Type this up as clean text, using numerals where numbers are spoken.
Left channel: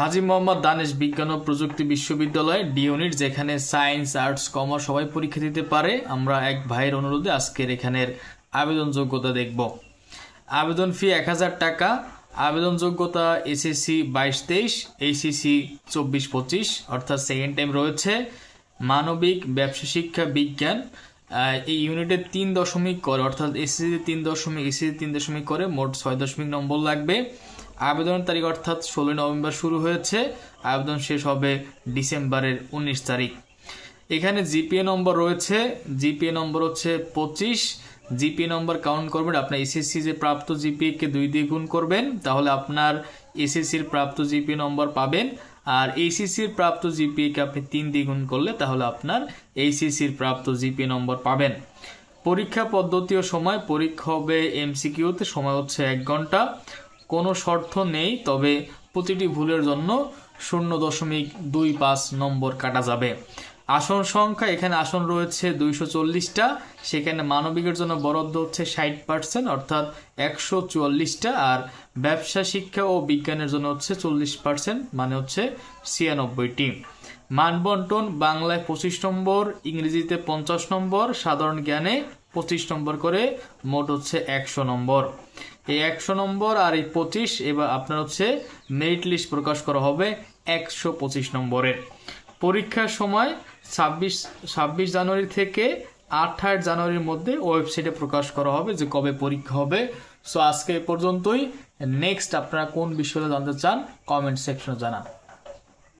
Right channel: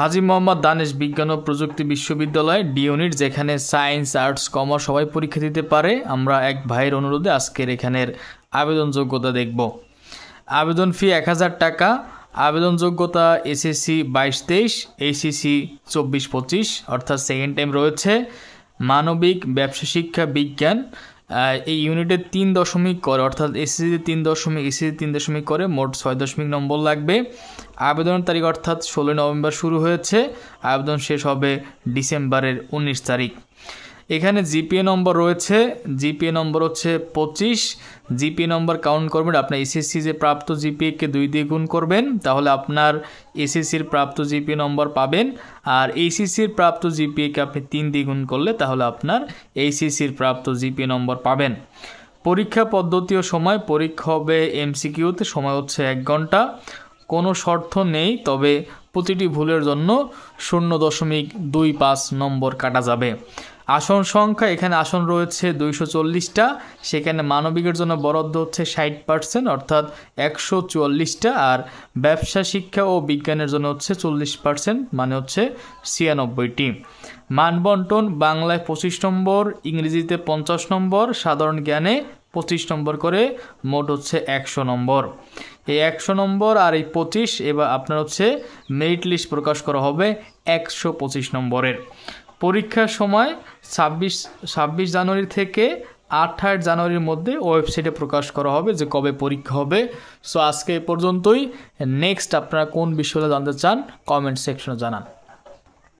হাজী মোহাম্মদ দানেশ বিজ্ঞান ও প্রযুক্তি বিশ্ববিদ্যালয় ডি ইউনিট, যেখানে সায়েন্স, আর্টস, কমার্স সবাই পরীক্ষা দিতে পারে। আমরা এক ভাইয়ের অনুরোধে আজকের এখানের আবেদন যোগ্যতা দেখব। আবেদন ফি 1000 টাকা। আবেদন যোগ্যতা এসএসসি 22-23, এইচএসসি 24-25 অর্থাৎ সেকেন্ড টাইম রয়েছে। মানবিক, ব্যবসা শিক্ষা, বিজ্ঞান এই ইউনিটে 3 দশমিক করে, অর্থাৎ এসএসসি 3 দশমিক, এসএসসি 3 দশমিক করে মোট 6 দশমিক নম্বর লাগবে। আবেদনের তারিখ অর্থাৎ 16 নভেম্বর শুরু হয়েছে, আবেদন শেষ হবে ডিসেম্বরের 19 তারিখ। এখানে জিপিএ নম্বর রয়েছে, জিপিএ নম্বর হচ্ছে 25। জিপিএ নম্বর কাউন্ট করবেন, আপনার এসএসসি যে প্রাপ্ত জিপিএকে 2 দিয়ে গুণ করবেন, তাহলে আপনার এসএসসির প্রাপ্ত জিপিএ নম্বর পাবেন। আর এইচএসসির প্রাপ্ত জিপিএকে আপনি 3 দিয়ে গুণ করলে তাহলে আপনার এইচএসসির প্রাপ্ত জিপিএ নম্বর পাবেন। পরীক্ষা পদ্ধতি ও সময়, পরীক্ষা হবে এমসিকিউতে, সময় হচ্ছে 1 ঘন্টা। কোনো শর্ত নেই, তবে প্রতিটি ভুলের জন্য 0.25 নম্বর কাটা যাবে। আসন সংখ্যা, এখানে আসন রয়েছে 240টা, সেখানে মানবিকের জন্য বরাদ্দ হচ্ছে 60% অর্থাৎ 144টা, আর ব্যবসা শিক্ষা ও বিজ্ঞানের জন্য হচ্ছে 40% মানে হচ্ছে 96টি। মানবন্টন, বাংলায় 25 নম্বর, ইংরেজিতে 50 নম্বর, সাধারণ জ্ঞানে 25 নম্বর করে, মোট হচ্ছে 100 নম্বর। এই 100 নম্বর আর এই 25 এবার আপনার হচ্ছে মেরিট লিস্ট প্রকাশ করা হবে 125 নম্বরের। পরীক্ষার সময় 26 জানুয়ারি থেকে 28 জানুয়ারির মধ্যে ওয়েবসাইটে প্রকাশ করা হবে যে কবে পরীক্ষা হবে। সো আজকে এই পর্যন্তই। নেক্সট আপনারা কোন বিষয়ে জানতে চান কমেন্ট সেকশনে জানান।